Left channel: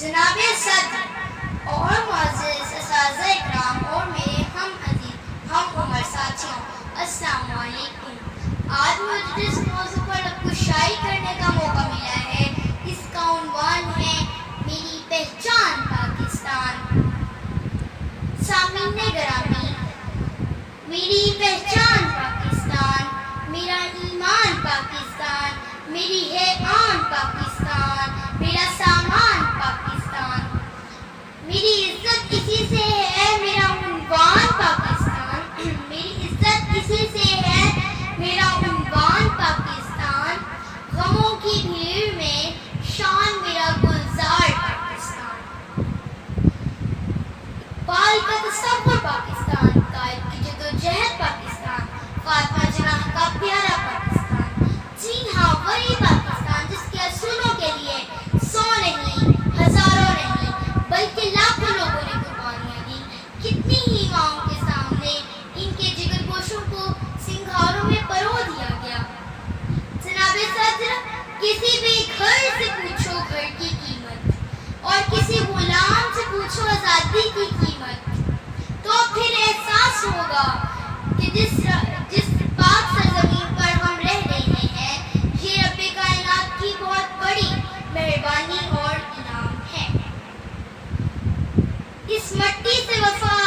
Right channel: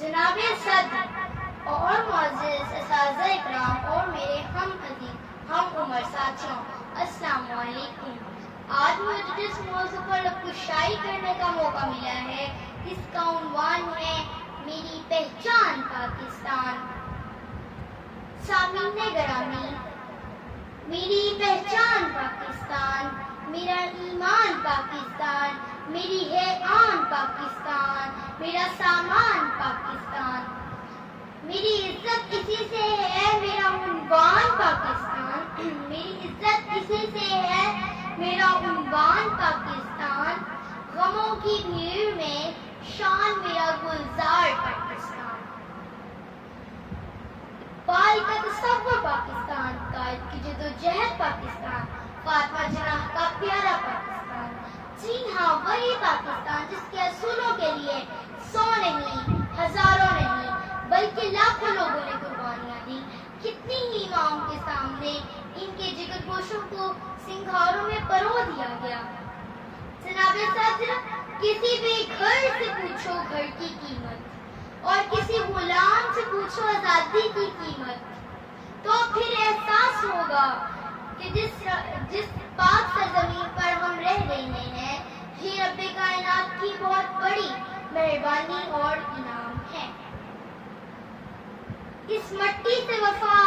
جناب صدر اور معزز اساتذہ اکرام اور میرے ہم عمر ساتھیوں، السلام علیکم۔ آج مجھے جس موضوع پر گفتگو کرنے کا موقع ملا ہے، اس کا عنوان ہے میری پہچان پاکستان۔ سامعین گرامی، میری پہچان پاکستان، میرا ایمان پاکستان، میری ہے آن پاکستان، میرا سامان پاکستان، میری عزت اسی سے ہے، میرا عنوان پاکستان، میری عزت اسی سے ہے، میرا عنوان پاکستان، غموں کی بھیڑ میں شان میرا گلزار پاکستان، اقبال کا تصور پاکستان، قائد کی جدوجہد پاکستان، فاطمہ جناح کا پیارا پاکستان، جی ہاں وہی پاکستان جس کے اصولوں کے لیے 100 نہیں، ہزاروں نہیں بلکہ لاکھوں لوگوں نے قربانیاں دی۔ کتنی ہی ماؤں کے سامنے ان کے جگر گوشوں کو سنگھاروں میں پرو دیا گیا۔ جناب صدر، کسی بھی گھر سے پوچھو گھر کی قیمت اور کسی غلام سے پوچھو آزادی کی قیمت، تو پھر احساس ہوگا کہ جس پاک سرزمین پر ہم رہ رہے ہیں، یہ رب کائنات کی بہت بڑی مہربانی اور انعام ہے۔ اس مٹی سے وفا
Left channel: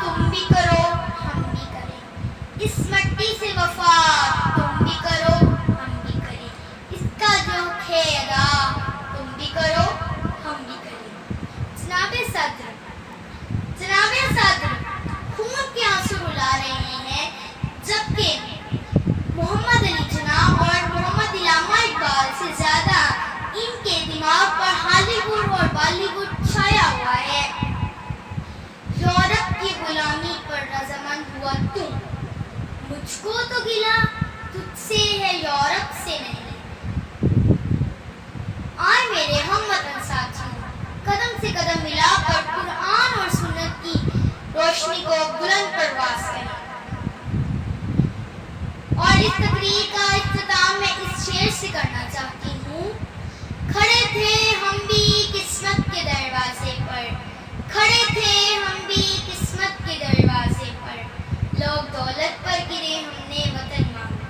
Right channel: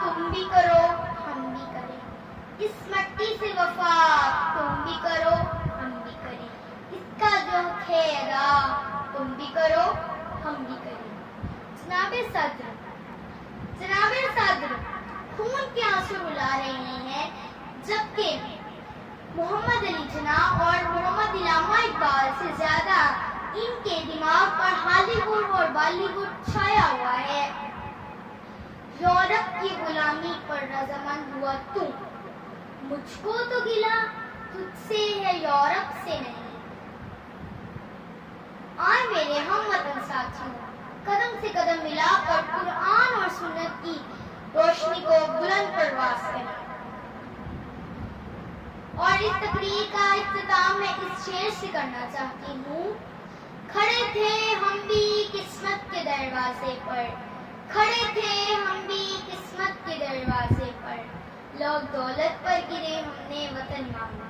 تم بھی کرو ہم بھی کریں، اس مٹی سے وفا تم بھی کرو ہم بھی کریں، اس کا جو ہے ادا تم بھی کرو ہم بھی کریں۔ جناب صدر خون کے آنسو رلا رہے ہیں، جبکہ محمد علی جناح اور محمد علامہ اقبال سے زیادہ ان کے دماغ پر ہالی ووڈ اور بالی ووڈ چھایا ہوا ہے۔ یورپ کی غلامی پر رضامند ہوا تم، مجھ کو تو گلا تجھ سے ہے یورپ سے نہیں۔ آئے میرے ہم وطن ساتھیوں، قدم سے قدم ملا کر قرآن اور سنت کی روشنی کو بلند پرواز کریں۔ اور اس تقریر کا اختتام میں اس شعر سے کرنا چاہتی ہوں: کھڑے تھے ہم بھی قسمت کے دروازے پر، کھڑے تھے ہم بھی قسمت کے دروازے پر، لوگ دولت پر گرے ہم نے وطن مانگا۔